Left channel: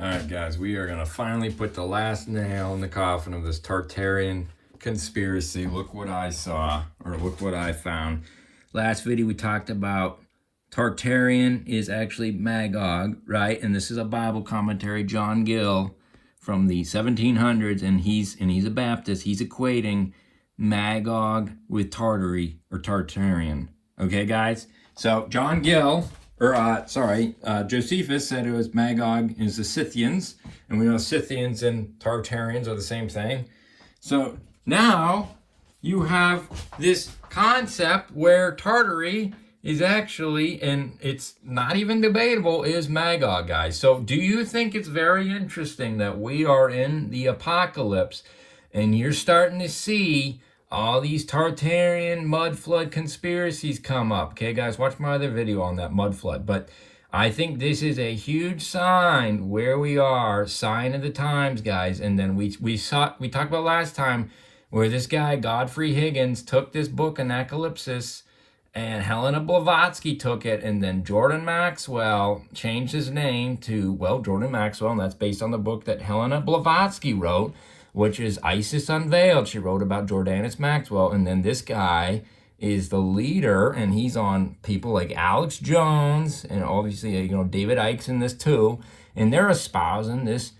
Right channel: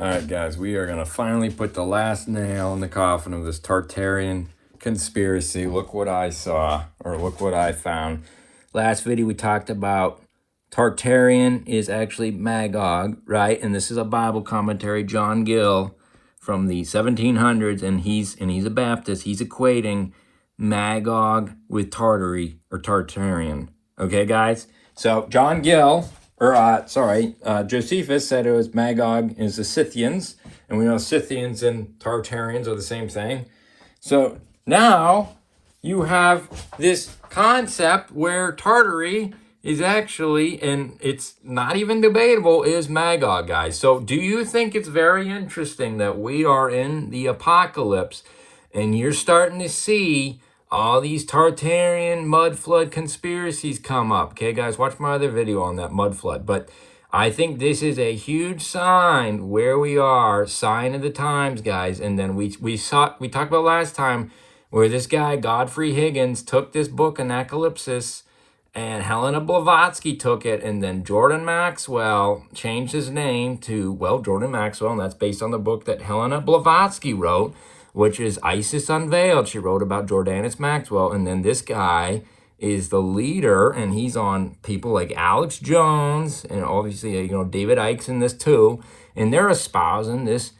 All right, guys, we are going to finally put the last nail in the coffin of this Tartarian conspiracy. Look what I saw, or look what I found. Last video we talked about Tartarian is actually Magog, right? And this is a Bible commentary, John Gill, from the 1700s, and he's a Baptist. He's equating Magog with Tartary or Tartarian. Okay, guys? So John Gill, Josephus said it was Magog is the Scythians, and we know Scythians and Tartarians are the same thing. So now you have this concept where Tartary is actually, and it's not even debatable, is Magog, guys. So do you think it's very interesting that we are in the apocalypse and you're starting to see all these Tartarian mud flood conspiracies come up? Okay, guys, watch my other video on that mud flood. But I think this is a huge sign where we are, sign of the times, guys. And then we talked about last time where this guy, Godfrey Higgins, took this book, Apocylypse, and Helena Blavatsky took it, and then Jordan Maxwell changed his name to, well, Jordan Maxwell, and that's based on the book that Helena Blavatsky wrote, which is Isis Unveiled. She wrote about Jordanus Maxwell, and then this guy is the leader, and he's on people like Alex Jones, and obviously, David Icke's in this too, and they're espousing this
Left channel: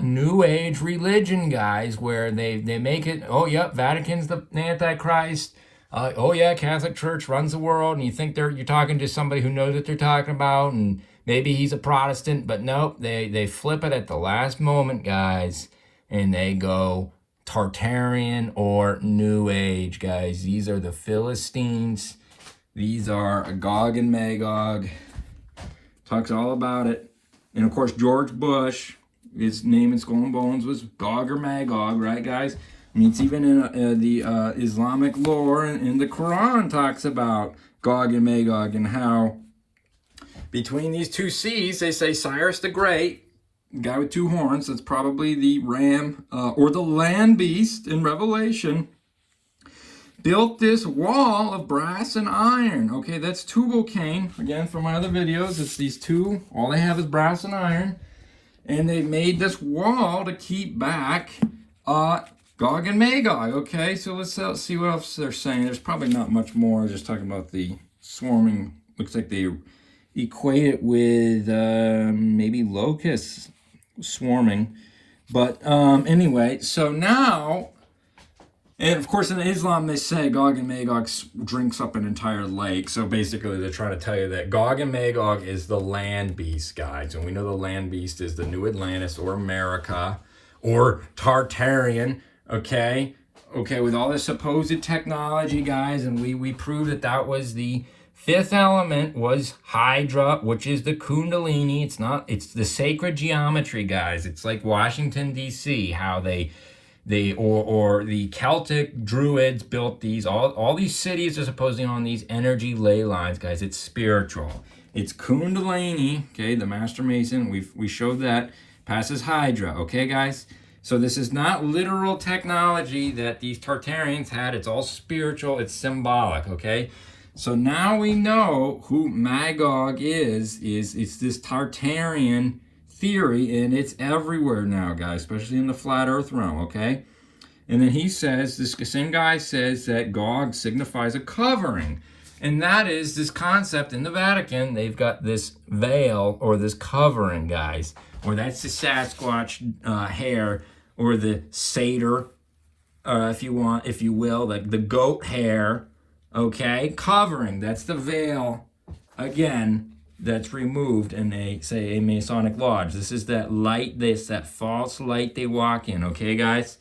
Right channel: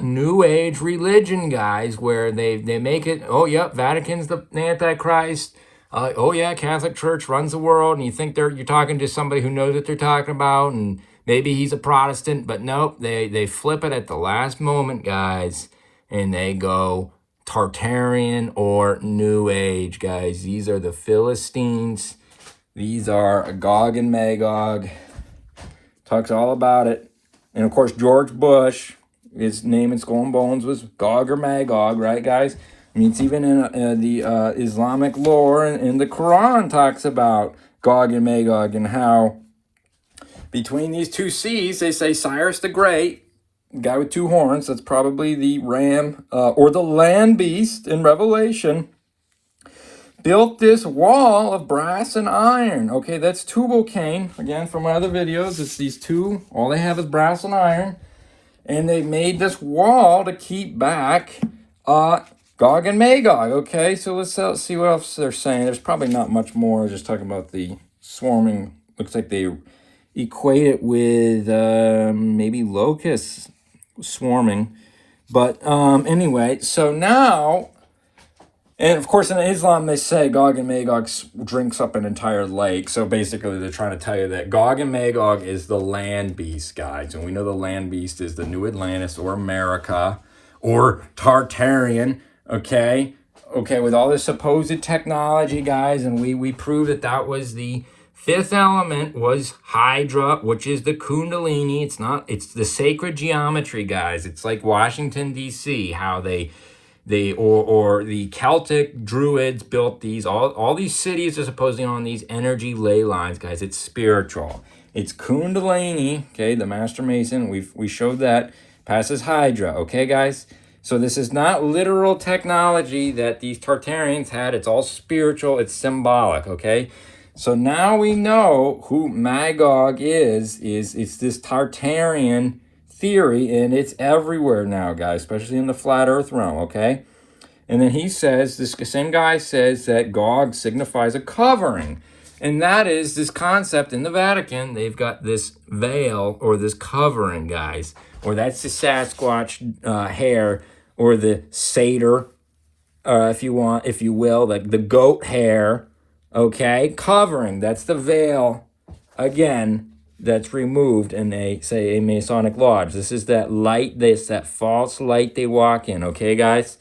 New Age religion, guys, where they make it, oh, yep, Vatican's the Antichrist, oh, yeah, Catholic Church runs the world, and you think you're talking to somebody who knows what they're talking about, and maybe he's a Protestant, but nope, they flip it at the last moment, guys, and they go Tartarian or New Age, guys. These are the Philistines. These are Gog and Magog. Talks all about it. And, of course, George Bush, his name in Skull and Bones was Gog or Magog, right, guys? I mean, it's even in the Islamic lore, and the Quran talks about Gog and Magog and how between these two seas, they say Cyrus the Great, guy with two horns, that's probably the ram or the land beast in Revelation, built this wall of brass and iron. Okay, that's tubal cain. Again, from my other videos, it's these two. All they have is brass and iron. And they made this wall to keep back Gog and Magog. Okay, so let's see what else they're saying. There's probably not much more. Just talking about the swarming. Looks like they equate it with maybe locusts swarming. But anyway, so now, and of course in Islam they say Gog and Magog drinks up an entire lake. So basically they're trying to tell you that Gog and Magog is the land beast, guys. And we know the land beast is the New Atlantis or America or Tartarian, okay, with all this supposed technology, guys. And we proved that was the fifth element was Hydra, which is the Kundalini. It's the sacred geometry, guys. It's like Washington, D.C., how they or the Celtic Druids built these. All these cities are supposedly on these energy ley lines, guys. It's spiritual. It's Kundalini, okay, the Master Mason. We showed that. Passes Hydra, okay, guys? So this is not literal technology that these Tartarians had. It's all spiritual. It's symbolic, okay? So now we know who Magog is. It's this Tartarian theory, and it's everywhere now, guys, especially in the flat earth realm, okay? And then he says, this same guy says that Gog signifies a covering. And that is this concept in the Vatican. They've got this veil or this covering, guys, or that's the Sasquatch hair or the satyr, if you will, like the goat hair. Okay, covering, that's the veil, again, that's removed in a Masonic lodge. This is that light, that false light they walk in, okay, guys?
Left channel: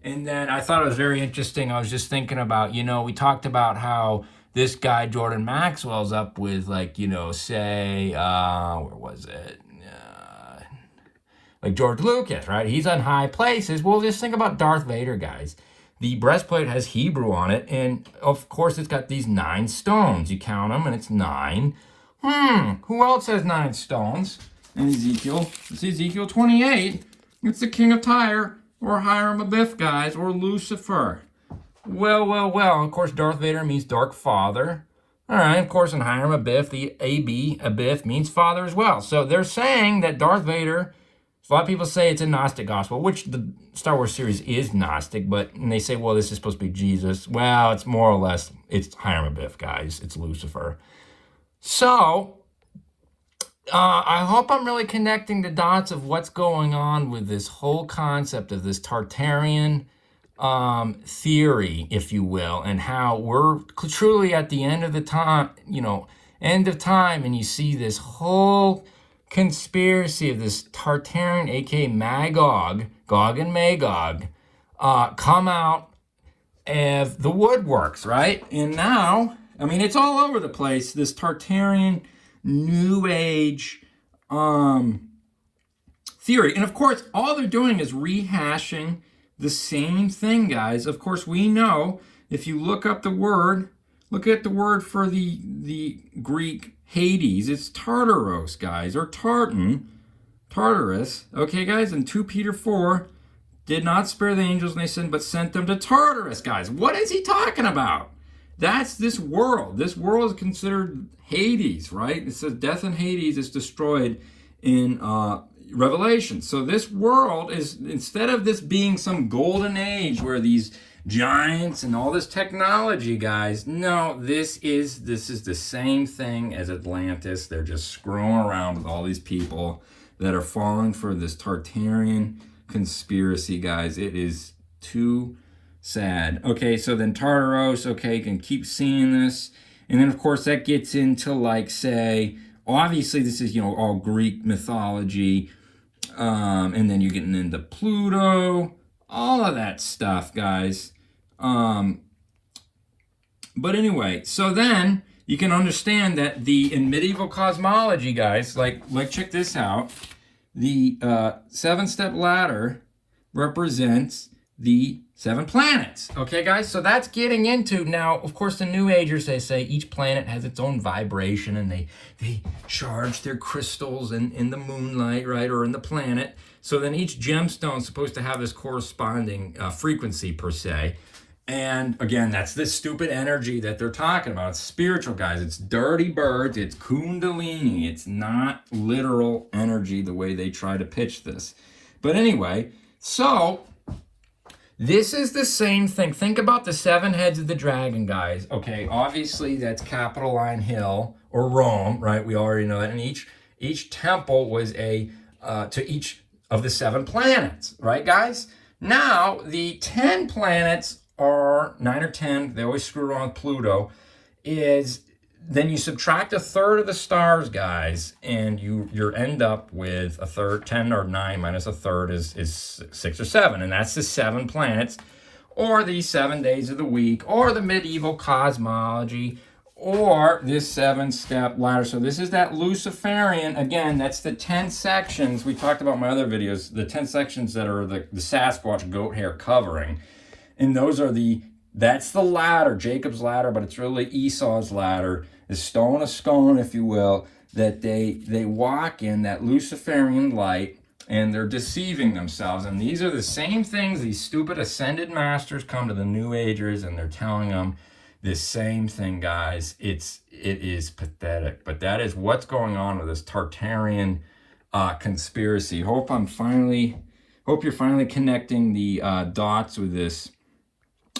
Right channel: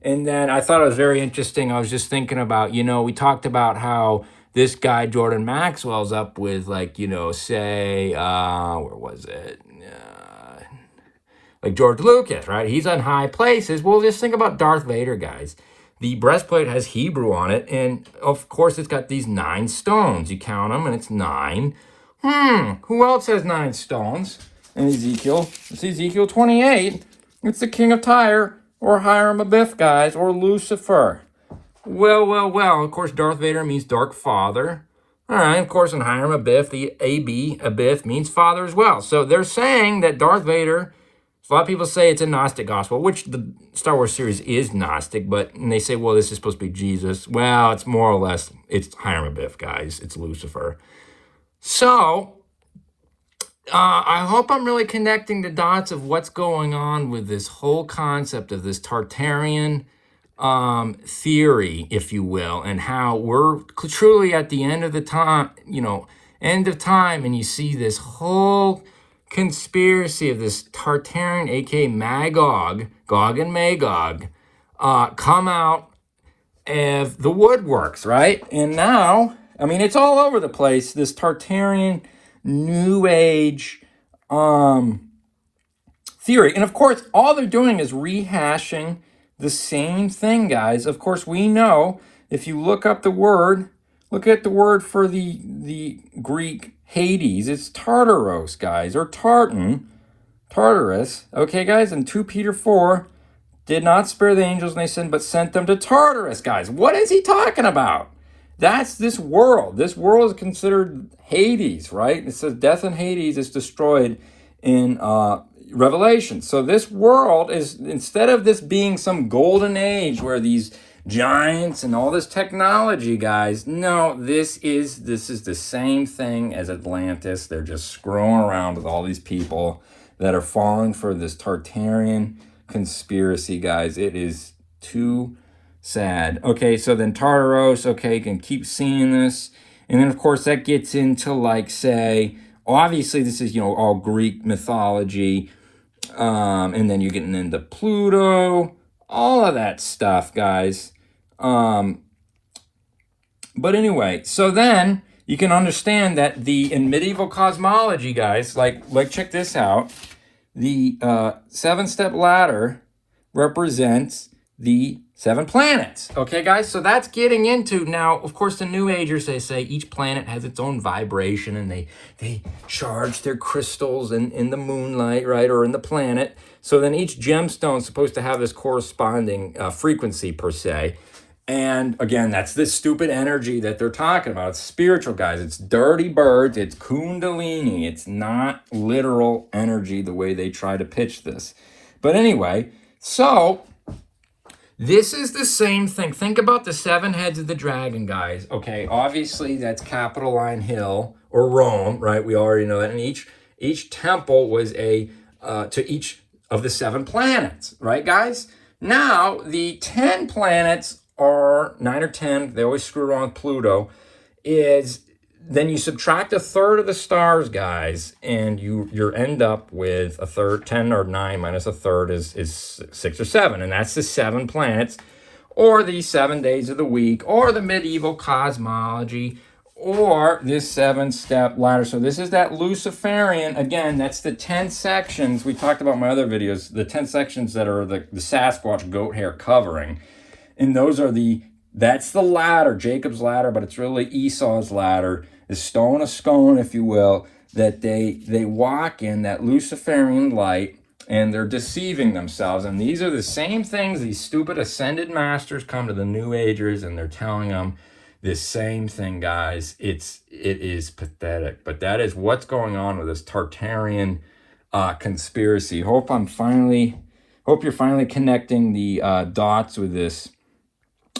And then I thought it was very interesting. I was just thinking about, we talked about how this guy, Jordan Maxwell's up with, like, say, where was it? Like George Lucas, right? He's on high places. Well, just think about Darth Vader, guys. The breastplate has Hebrew on it, and of course it's got these 9 stones. You count them, and it's 9. Who else has 9 stones? And Ezekiel, it's Ezekiel 28. It's the king of Tyre, or Hiram Abiff, guys, or Lucifer. Well. Of course, Darth Vader means dark father. All right, of course, in Hiram Abiff, the Abiff means father as well. So they're saying that Darth Vader A lot of people say it's a Gnostic gospel, which the Star Wars series is Gnostic, and they say, well, this is supposed to be Jesus. Well, it's more or less, it's Hiram Abiff, guys. It's Lucifer. So, I hope I'm really connecting the dots of what's going on with this whole concept of this Tartarian theory, if you will, and how we're truly at the end of the time, end of time, and you see this whole conspiracy of this Tartarian, aka Magog, Gog and Magog, come out of the woodworks, right? And now, I mean, it's all over the place, this Tartarian New Age theory. And of course, all they're doing is rehashing the same thing, guys. Of course, we know, if you look up the word, look at the word for the Greek Hades, it's Tartaros, guys, or Tartarus. Okay, guys, and 2 Peter 4, did not spare the angels and they sinned, but sent them to Tartarus, guys. What is he talking about? That's this world. This world is considered Hades, right? It says death and Hades is destroyed in Revelation. So this world is, instead of this being some golden age where these giants and all this technology, guys, no, this is the same thing as Atlantis. They're just screwing around with all these people that are falling for this Tartarian conspiracy, guys. It is too sad. Okay, so then Tartaros, okay, you can keep seeing this. And then, of course, that gets into, like, say, obviously this is, all Greek mythology. And then you're getting into Pluto, all of that stuff, guys. But anyway, so then you can understand that in medieval cosmology, guys, like check this out. The 7-step ladder represents the 7 planets. Okay, guys, so that's getting into, now, of course, the New Agers, they say each planet has its own vibration, and they charge their crystals in the moonlight, right, or in the planet. So then each gemstone is supposed to have this corresponding frequency, per se. And again, that's this stupid energy that they're talking about. It's spiritual, guys. It's dirty birds. It's kundalini. It's not literal energy the way they try to pitch this. But anyway, so this is the same thing. Think about the 7 heads of the dragon, guys. Okay, obviously that's Capitoline Hill or Rome, right? We already know that. And each temple was to each of the 7 planets, right, guys? Now, the 10 planets, or 9 or 10, they always screw around with Pluto, is then you subtract 1/3 of the stars, guys, and you end up with 1/3, 10 or 9 minus 1/3 is 6 or 7, and that's the 7 planets, or the 7 days of the week, or the medieval cosmology, or this 7-step ladder. So this is that Luciferian, again, that's the 10 sections. We talked about in my other videos, the 10 sections that are the Sasquatch goat hair covering. And those are that's the ladder, Jacob's ladder, but it's really Esau's ladder, is stone of scone, if you will, that they walk in, that Luciferian light, and they're deceiving themselves. And these are the same things these stupid ascended masters come to the New Agers, and they're telling them this same thing, guys. It is pathetic. But that is what's going on with this Tartarian conspiracy. Hope you're finally connecting the dots with this.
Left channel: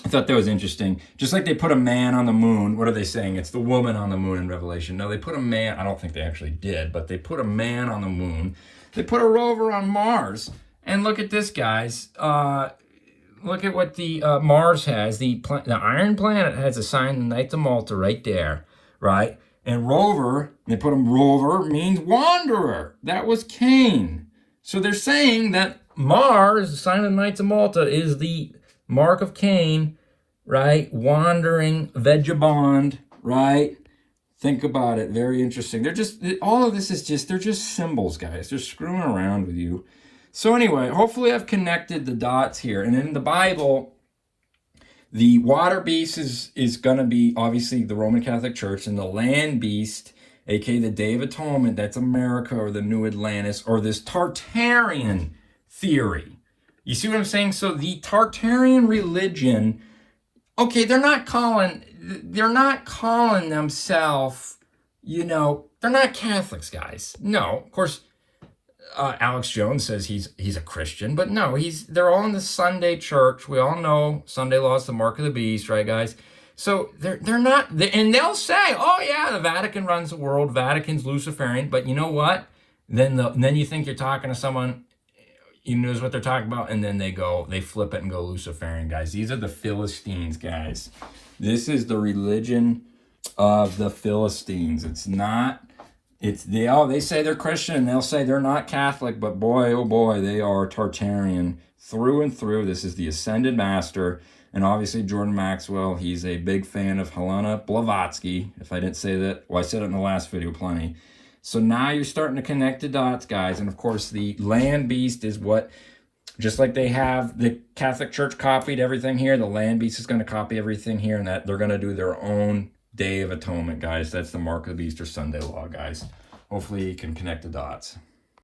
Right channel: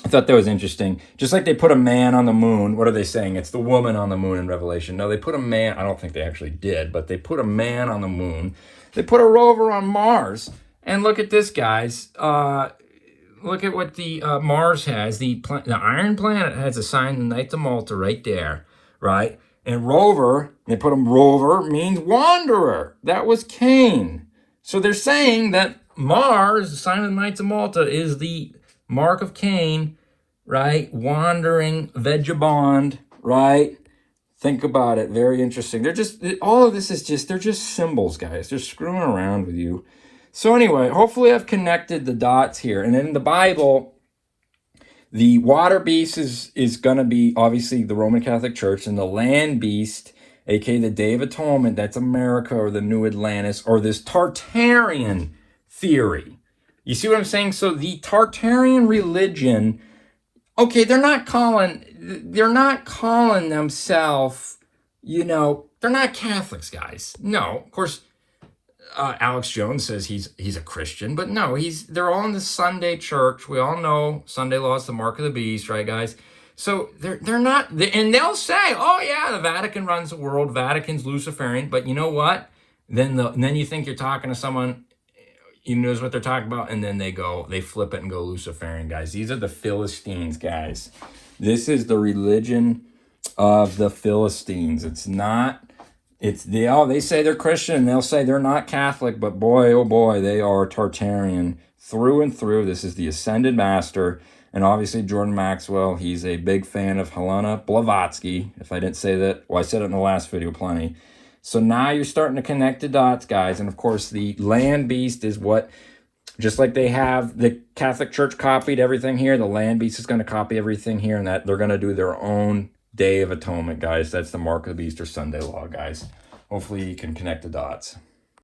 I thought that was interesting. Just like they put a man on the moon. What are they saying? It's the woman on the moon in Revelation. No, they put a man. I don't think they actually did, but they put a man on the moon. They put a rover on Mars. And look at this, guys. Look at what the Mars has. The Iron Planet has assigned the Knights of Malta right there, right? And rover, they put him rover, means wanderer. That was Cain. So they're saying that Mars, the sign of the Knights of Malta, is the mark of Cain, right? Wandering vagabond, right? Think about it. Very interesting. All of this is they're just symbols, guys. They're screwing around with you. So anyway, hopefully I've connected the dots here. And in the Bible, the water beast is going to be obviously the Roman Catholic Church, and the land beast, aka the Day of Atonement, that's America or the New Atlantis, or this Tartarian theory. You see what I'm saying? So the Tartarian religion, okay, they're not calling themselves, they're not Catholics, guys. No, of course, Alex Jones says he's a Christian, but no, they're all in the Sunday church. We all know Sunday law is the mark of the beast, right, guys? So they're not, and they'll say, oh yeah, the Vatican runs the world, Vatican's Luciferian, but you know what? Then you think you're talking to someone who knows what they're talking about, and then they flip it and go Luciferian, guys. These are the Philistines, guys. This is the religion of the Philistines. It's not. They say they're Christian, they'll say they're not Catholic, but boy, oh boy, they are Tartarian through and through. This is the Ascended Master, and obviously Jordan Maxwell, he's a big fan of Helena Blavatsky. If I didn't say that, well, I said it in the last video plenty. So now you're starting to connect the dots, guys, and of course the land beast is what, just like they have, the Catholic Church copied everything here, the land beast is going to copy everything here, and that they're going to do their own Day of Atonement, guys. That's the mark of the beast or Sunday law, guys. Hopefully you can connect the dots.